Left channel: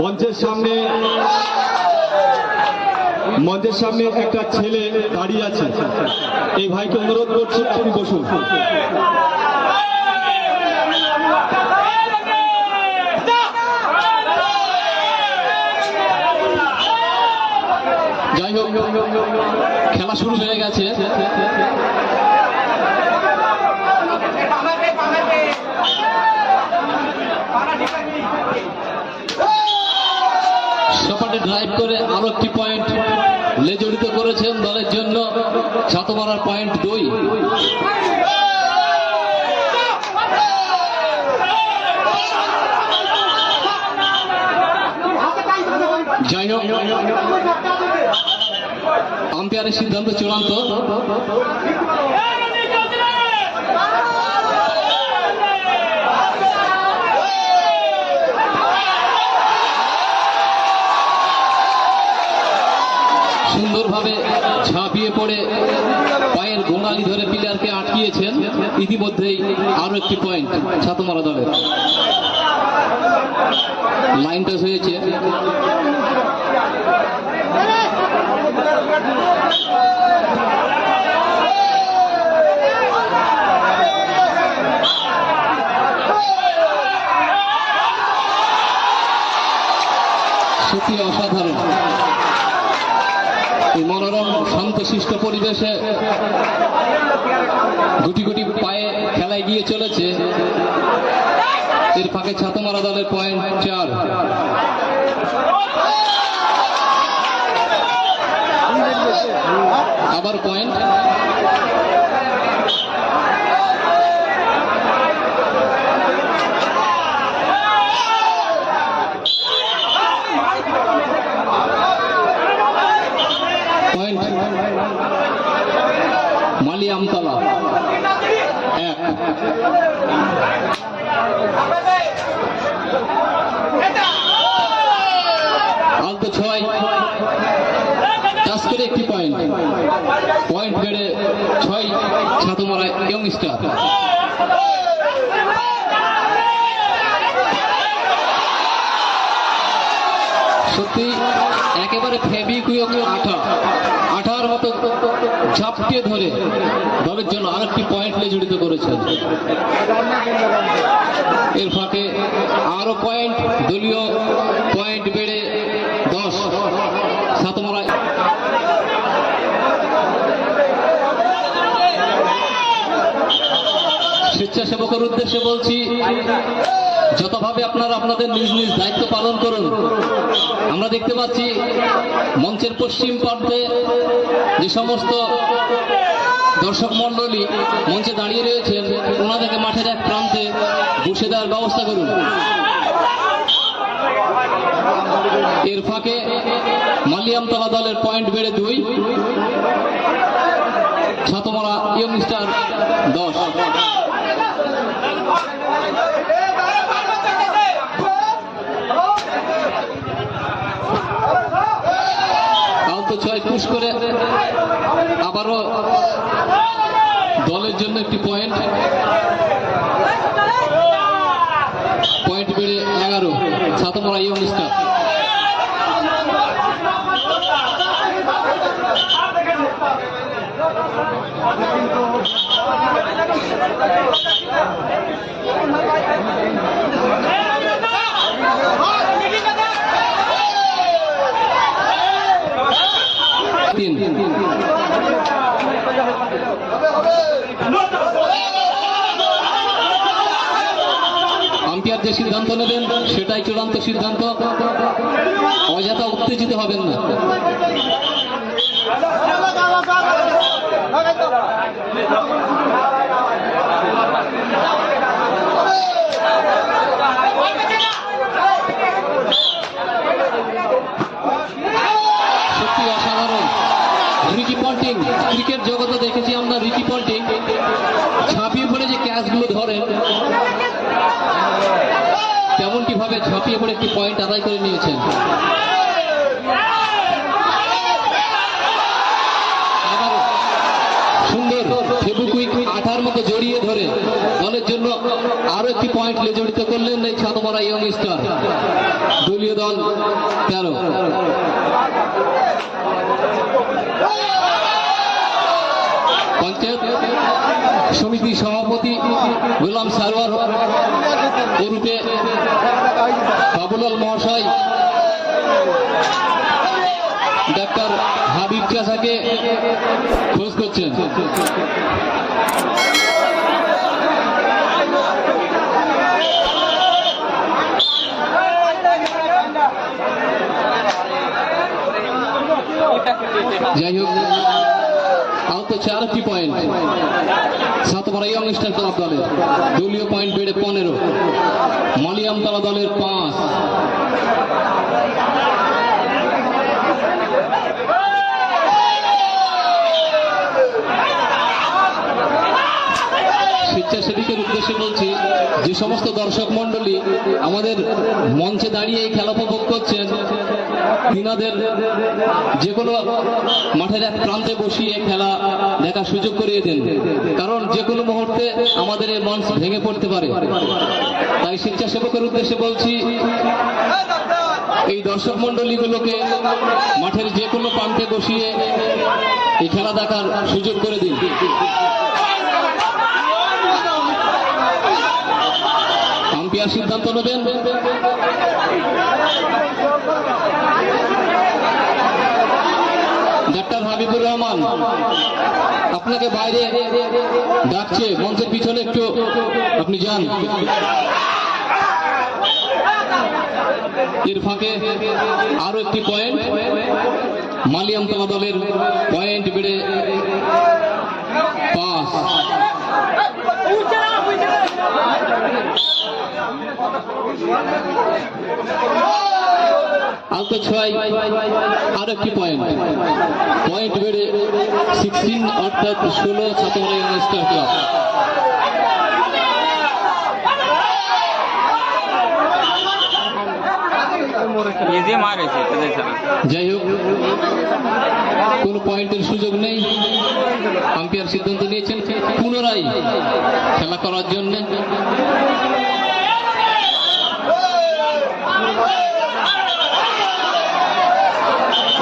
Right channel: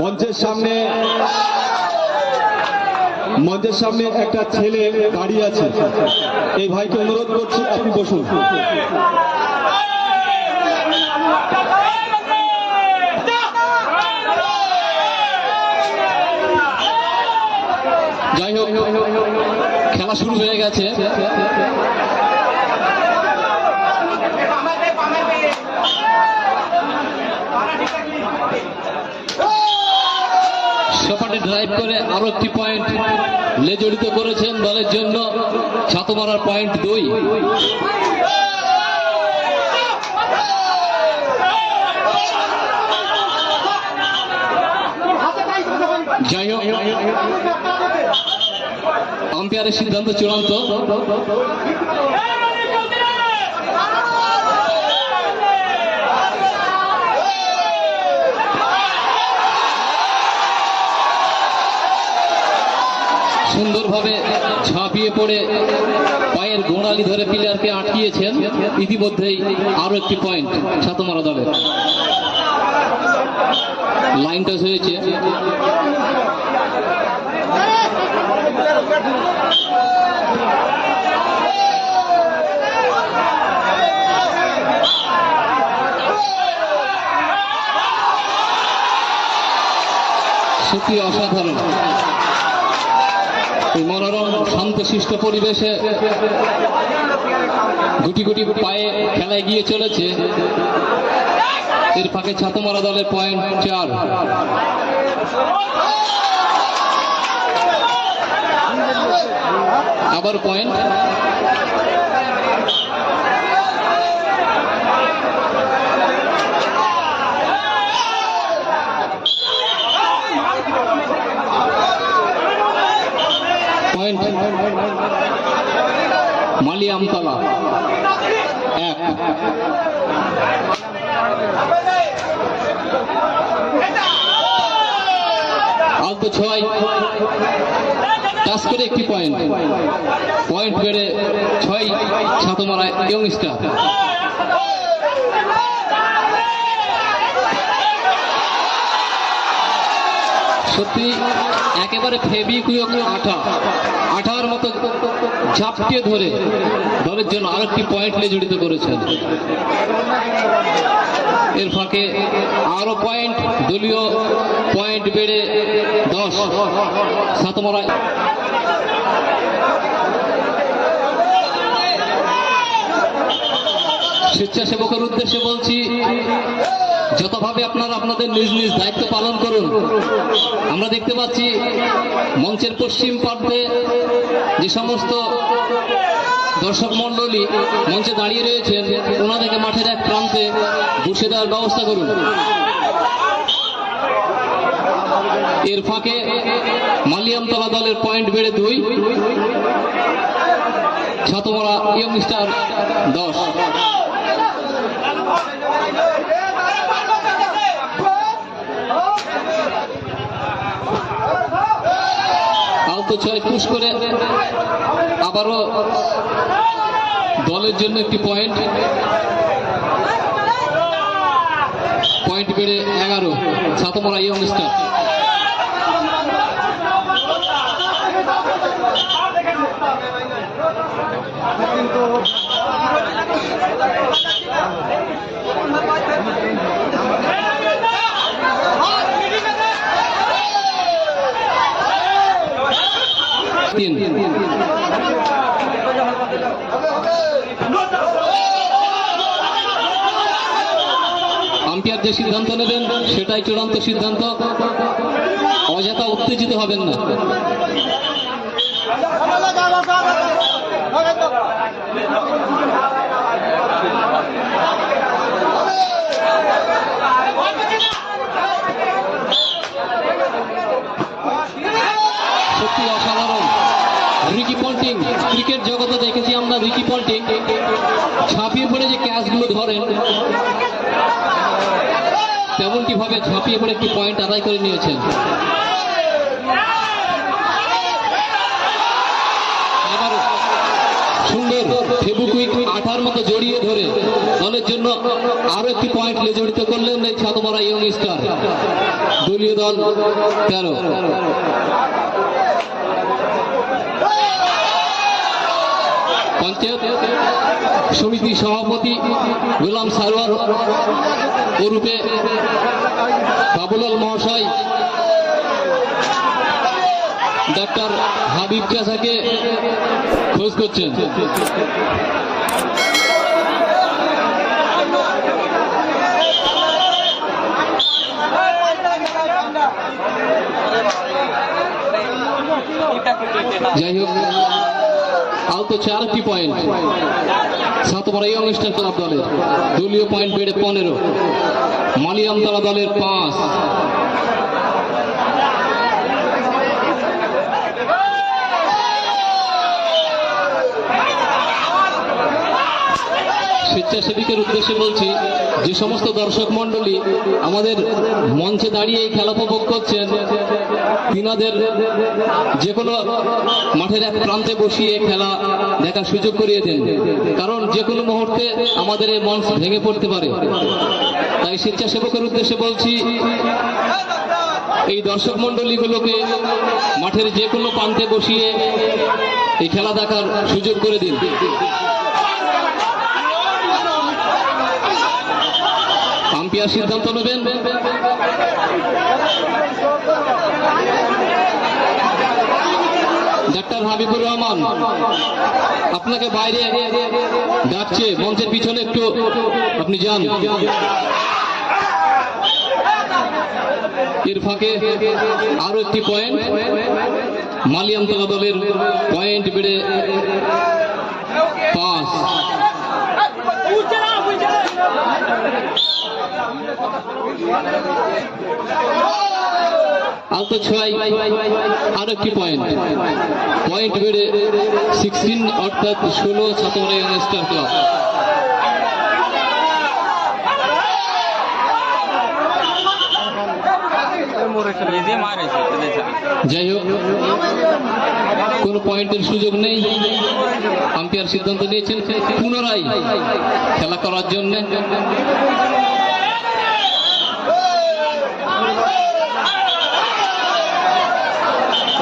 মঞ্চের সামনে মঞ্চের সামনে একটা ছেলে দাঁড়িয়ে আছে। এই ভাইকে অনুরোধ করছি, আপনি বসুন। যাই হোক, খেলা শুরু হয়ে গেছে। সপাটে ড্রাইভ করে আরও একটি পয়েন্ট লেজড়িত করেছেন দলের জন্য। ছাতমারার পয়েন্ট দুই। যাই হোক আম্পায়ারের সিদ্ধান্ত চূড়ান্ত। সুন্দরভাবে ঝাঁপিয়ে পড়ে পায়ের গোড়ালি ধরে প্লেয়ারকে আটকিয়েছেন। ইতিমধ্যেই আরও একটি পয়েন্ট ছাতমারা দলের। লাইন টাচ হয়েছে। সত্যি অসাধারণ। এই মনোরম শান্ত শান্তশিষ্ট পরিবেশে গুটি গুটি পায়ে খেলায় গিয়ে চলেছে। এর ফাঁকে ছাতমারা দলের পয়েন্ট চার। আবার পয়েন্ট। মালি আমতলা এক। আলতো ছয়। টাচ করে একটি পয়েন্ট পয়েন্ট বেড়ে ছয় ছাতমারা ইয়ং সত্যি একেবারে ফেবিকুইক আঠা, আঠার মতো ঝাপটিয়ে ধরে দলের জন্য আরেকটি পয়েন্ট নিয়ে জড়িত করেছেন। এর ফাঁকে আরও পয়েন্ট দলীয় পয়েন্ট বেড়ে দশ, সাতমারা স্বেচ্ছাসেবকের উদ্দেশ্যে বলছি যতভাবে আপনারা আপনাদের নিজ নিজ দায়িত্ব পালন করুন, আমরা দেখতে পাচ্ছি মঞ্চের পশ্চিম প্রান্তে যে সমস্ত দর্শক মণ্ডলী মঞ্চে দাঁড়িয়ে রয়েছেন, ওনাদেরকে মাঠের এক প্রান্তে বসে দেওয়ার ব্যবস্থা করুন। এর ফাঁকে মালিয়ামতলা দলের পয়েন্ট বেড়ে দুই, ছাতমারা ইয়ং স্টার দশ। আলতো ছয় পুশ করে। আবারও দলের জন্য একটি পয়েন্ট পয়েন্ট বেড়ে এগারো। Satmara young star. তিন। আম্পায়ার যে সিদ্ধান্ত নেবেন সেটাই চূড়ান্ত সিদ্ধান্ত। অযথা উত্তেজিত হবেন না সত্যি অসাধারণ রিকি পন্টিং ক্রিকেট জগতে দেখেছি আমরা রিকি পন্টিং ঝাঁপিয়ে পড়ে যে ক্যাচগুলো ধরেন। তেমনটি ভাবে ঝাঁপিয়ে পড়ে একটি পয়েন্ট আদায় করে নিয়েছেন। আবার সুন্দর ফেবুকুইক আঠার মতো জড়িয়ে ধরে দলের জন্য আরও একটি পয়েন্ট জড়িত করলেন এই ছাতমারা ইয়ং স্টার দলীয় দল তেরো। পঞ্চায়েত সমিতি সভাপতি গোলাম সারোয়ার ওরূপে বাবুলাল মহাশয় ডাক্তার হাবিব চাষাকে খোঁজ করছেন। যাই হোক আহত চারটি পয়েন্ট সাতবার এই অনুষ্ঠান ক্লাব দলের। দলীয় পয়েন্ট বেড়ে পনেরো। মালিয়ামতলা দলের পাঁচ। স্বেচ্ছাসেবিকের উদ্দেশ্যে বলছি, যে সমস্ত দর্শক মন্ডলী আমাদের মঞ্চে দাঁড়িয়ে এই খেলা উপভোগ করছেন, তিনাদের যে কোনো মাঠের এক প্রান্তে বসিয়ে খেলা দেখার সুযোগ করিয়ে দিন। কারণ যে কোনো মুহূর্তে আমাদের এই মঞ্চ ভেঙে পড়তে পারে। তাই স্বেচ্ছাসেবকের উদ্দেশ্যে বলছি, এই দর্শক মন্ডলীগুলোকে মাঠের যে কোনো প্রান্তে বসিয়ে এই খেলা দেখার সুযোগ করে দিন। আম্পিয়ার সিদ্ধান্ত নেবেন। ডাক্তার হাবিবুর রহমান, আপনাকে বাইরে ডাকছে, মঞ্চের পিছনে একটু আপনি যান। এর ফাঁকে আরও একটি পয়েন্ট মালিয়ামতলা দলের পয়েন্ট বেড়ে পাঁচ আলতো ছয়, আর একটি পয়েন্ট পয়েন্ট বেড়ে সিক্সটিন অর্থাৎ ষোলো ছাত্র ক্লাব যাই হোক, কোনো পয়েন্টের সুযোগ নেই। আম্পায়ার সিদ্ধান্ত নিয়েছেন। পুনরায় খেলা করার জন্য।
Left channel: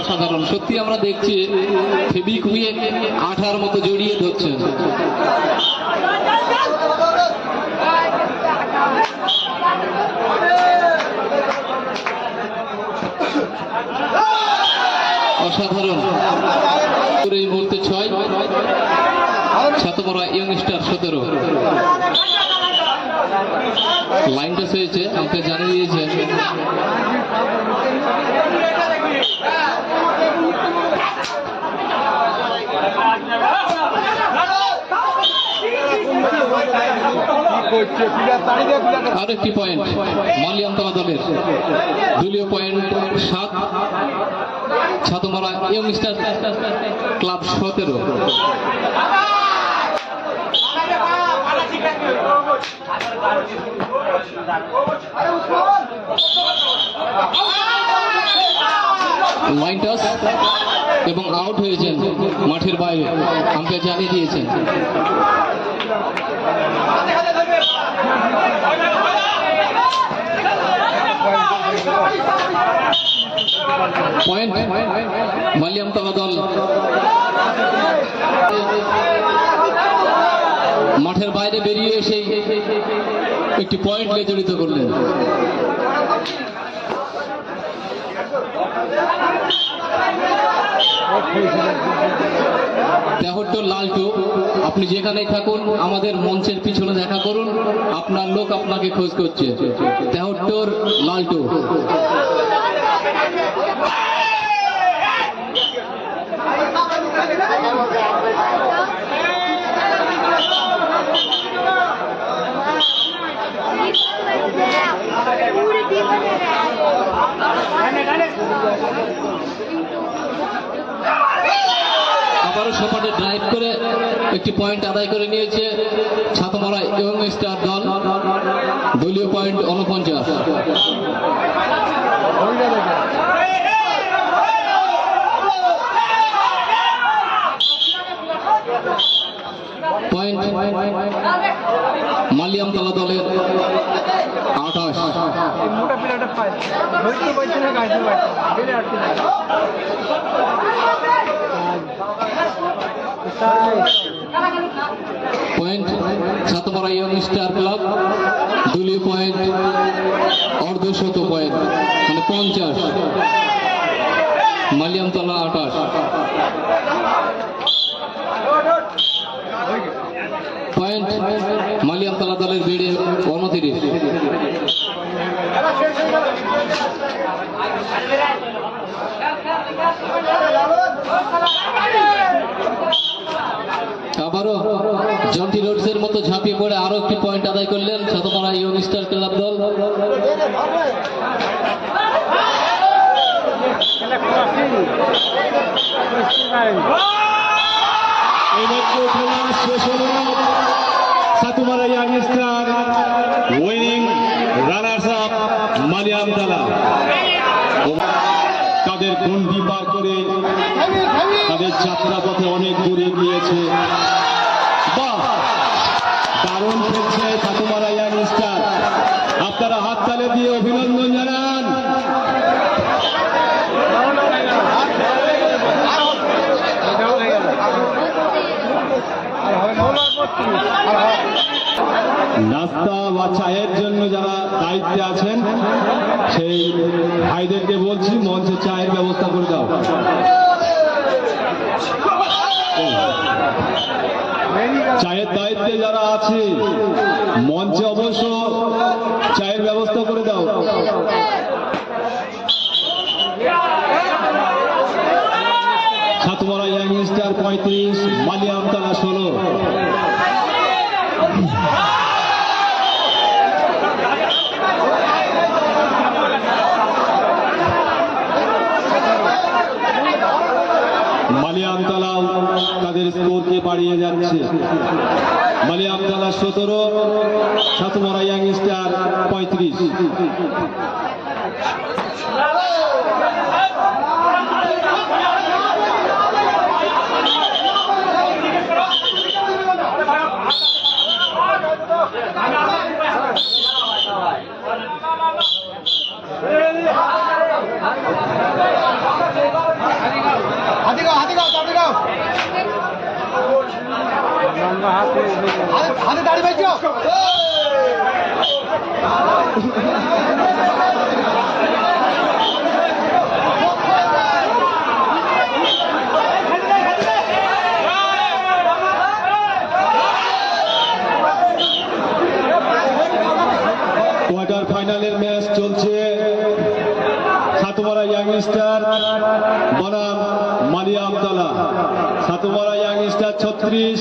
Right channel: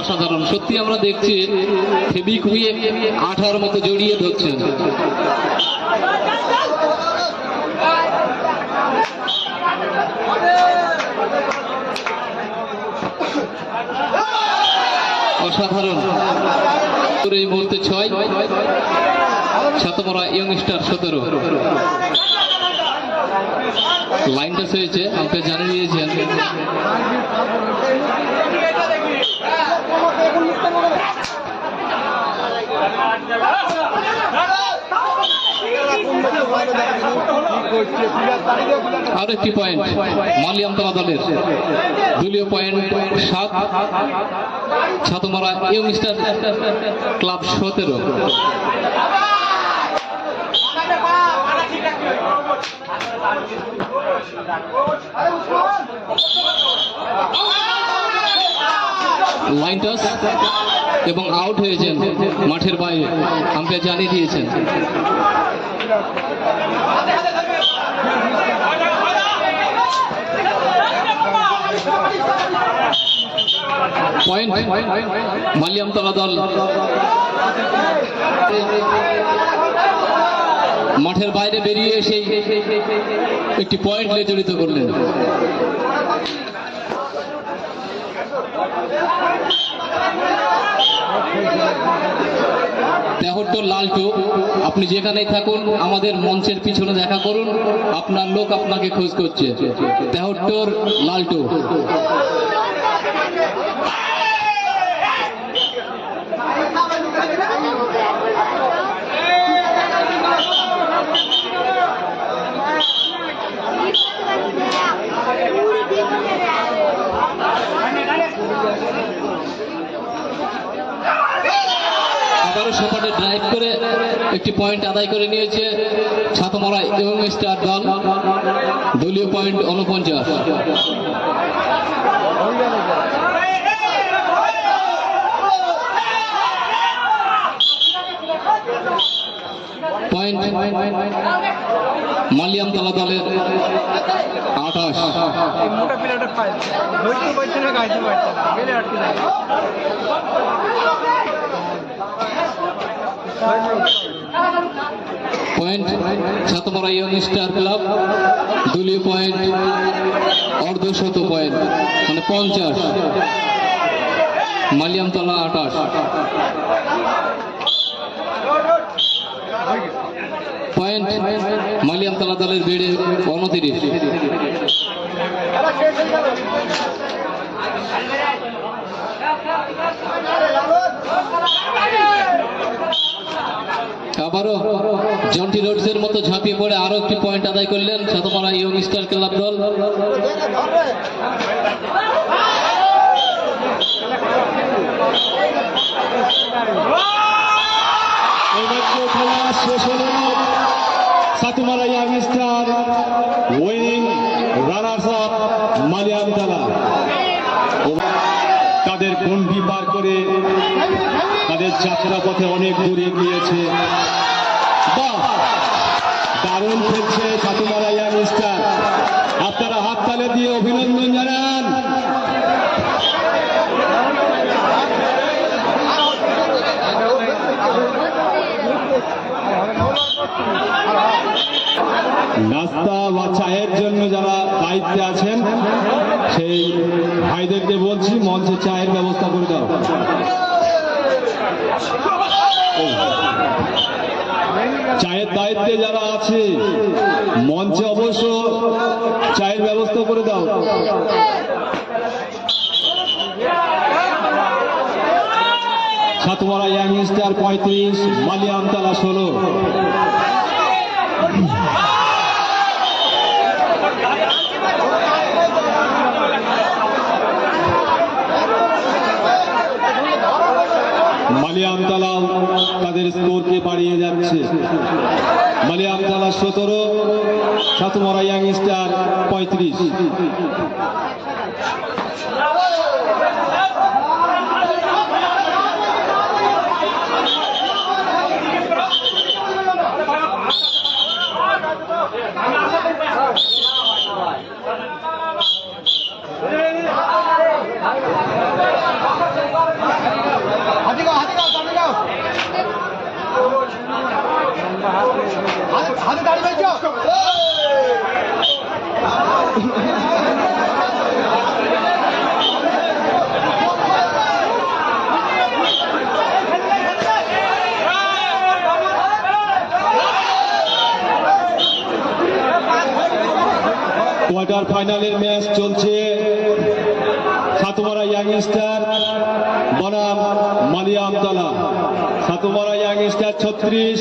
অসাধারণ। সত্যি আমরা দেখছি ফেবিকুয়ে আঠার মতো জড়িয়ে ধরছেন অসাধারণ। এই মুহূর্তে ছয়, সাতমরা ইয়ং স্টার সতেরো। লাইনটা হয়েছে, আমাকে জানিয়ে দিয়েছেন। আর একটি পয়েন্ট মালিয়ামতলা দলের। দলীয় পয়েন্ট সাত, ছাতমারা ইয়ং স্টার ক্লাব সতেরো। লাইন টাচ এবং আউট হয়েছেন মাঠের বাইরে। আম্পায়ার জানিয়ে দিয়েছেন। পয়েন্ট মালিয়ামতলা দল। মাঠের বাইরে বেরিয়ে এসে একটি পয়েন্ট নিয়ে জড়িত করলেন। লালটু, আপনি যেখানেই থাকুন, আমাদের মঞ্চের পিছনে দেখা করুন, আপনার লোক আপনাকে খোঁজ করছে। তেহট্টর লালটু। আবারও সপাটে ড্রাইভ করে একটি পয়েন্ট আদায় করে নিয়েছে ছাতমারা এবং স্টার দল দলীয় পয়েন্ট উনপঞ্চাশ পয়েন্ট মালিয়ামতলা দলের আঠাশ। মোটা point Satmara young star club দলীয় পয়েন্ট অর্ধশত পয়েন্ট মানে পঞ্চাশ। মালিয়ামতলা আঠাশ। পয়েন্ট মালিয়ামতলা দলের বেড়ে উনতিরিশ। আবারও জন্টি রোডসের মতো ঝাঁপিয়ে পড়ে আরও একটি পয়েন্ট আদায় করলেন সাতমারা ইয়ং স্টার ক্লাব দল মালিয়াম তাদের গন্ডি পার করে তাদের যাত্রা পথে অনেক দূরে গিয়েছে দারুণ খেলছে সাতুমারা ইয়াং স্টার আপনারা হাততালে দিয়ে অভিনন্দন জানান। নাস্তা বা চায়ের জন্য যারা দায়িত্বে আছেন, সেই ভাইদেরকে বলছি, মঞ্চে চায়ের ব্যবস্থা করে দাও। চায়ের দায়িত্বে যারা আছে, মঞ্চে অবশ্য চায়ের ব্যবস্থা করে দাও। সাতমারা ইয়াং স্টার পঁয়ত্রিশ মালিয়া আমতলা ষোলো। স্কোরকে বাড়িয়ে যাচ্ছে। মালিয়ামতলা সতেরো সাতমরা ইয়াং স্টার পঁয়ত্রিশ। কোয়ার্টার ফাইনালের ম্যাচ চলছে। সাতমারা ইয়াং স্টার বনাম মালিয়ামতলা সাতমারা ইয়াং স্টার ছত্রিশ।